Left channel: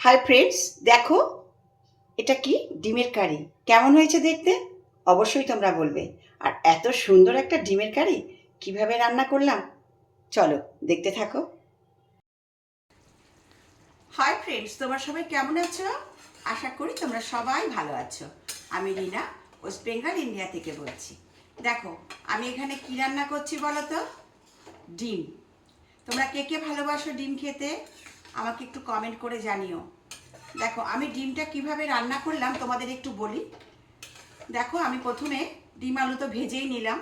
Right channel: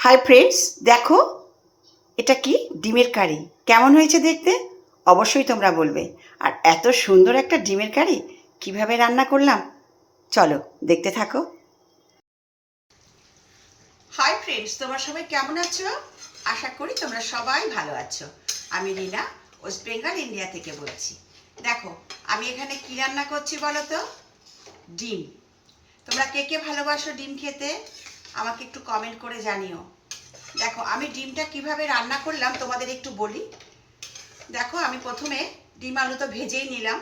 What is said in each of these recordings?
Hi friends, দেখো এটা কি ডিমের কারি। কেমন হয়েছে দেখতে? অবশ্যই তোমরা বলবে। আর এত সুন্দর একটা ডিমের কারি কিভাবে রান্না করলাম চলো দেখতে থাকো। হাই ফ্রেন্ডস, তোমরা সবাই কেমন আছো? আশা করি তোমরা সবাই ভালো আছো। আমি রিনা, ওয়েস্ট বেঙ্গল ইন্ডিয়া থেকে বলছি। দেখো আমি এখানে কি রান্না করছি বলো তো? ডিম। তোমরা কে কে ভালোবাসো ডিম খেতে? আমাকে একটু কমেন্ট করে জানিও। দেখো আমি ডিমটা কিভাবে রান্না করলাম তোমাদের একটু বলি। দেখো আমি প্রথমে ডিম আলু তো ভেজেই নিলাম।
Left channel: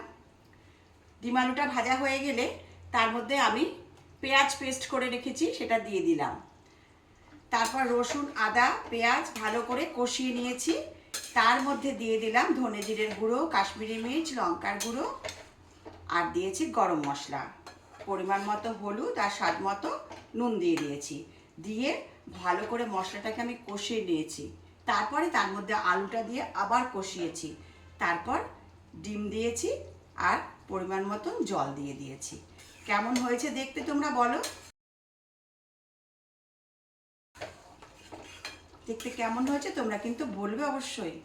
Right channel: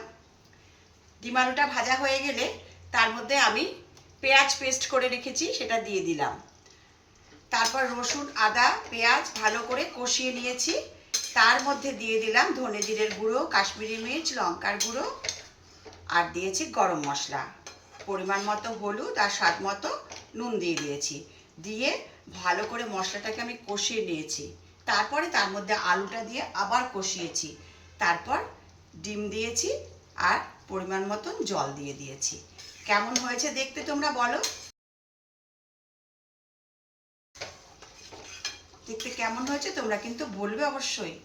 ডিম আলুটা ভাজা হয়ে গেলে তার মধ্যে আমি পেঁয়াজ পেস্ট করে রেখেছি সেটা দিয়ে দিলাম। তারপর রসুন আদা পেঁয়াজ ভালো করে কষিয়ে নিয়েছি। তার মধ্যে দিয়ে দিলাম ধনে জিরের গুঁড়ো, কাশ্মীরি মির্চ, লঙ্কার গুঁড়ো, আর দিয়েছি গরম মশলা, পরিমাণ মতো হলুদ আর স্বাদ মতো নুন দিয়ে দিয়েছি। দিয়ে ভালো করে মশলাটাকে আমি কষিয়ে নিয়েছি। তারপরে তার মধ্যে আলুটা দিয়ে আবার কষিয়েছি। তারপর ডিম দিয়েছি আর পরিমাণ মতন জল দিয়ে দিয়েছি। কেমন হয়েছে দেখতে তোমরা বলো? দেখতে কেমন হয়েছে তোমরা কিন্তু বলবে অবশ্যই।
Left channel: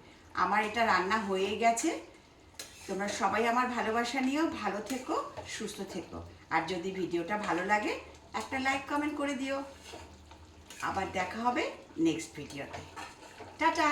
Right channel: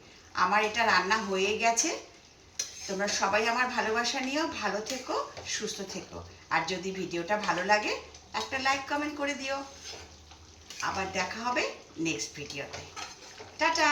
আমার এটা রান্না হয়ে গেছে। তোমরা সবাই আমার ভালোবাসা নিও, ভালো থেকো, সুস্থ থেকো। আর যদি ভিডিওটা ভালো লাগে একটা লাইক কমেন্ট করে দিও। আবার দেখা হবে নেক্সট ভিডিওতে। টাটা।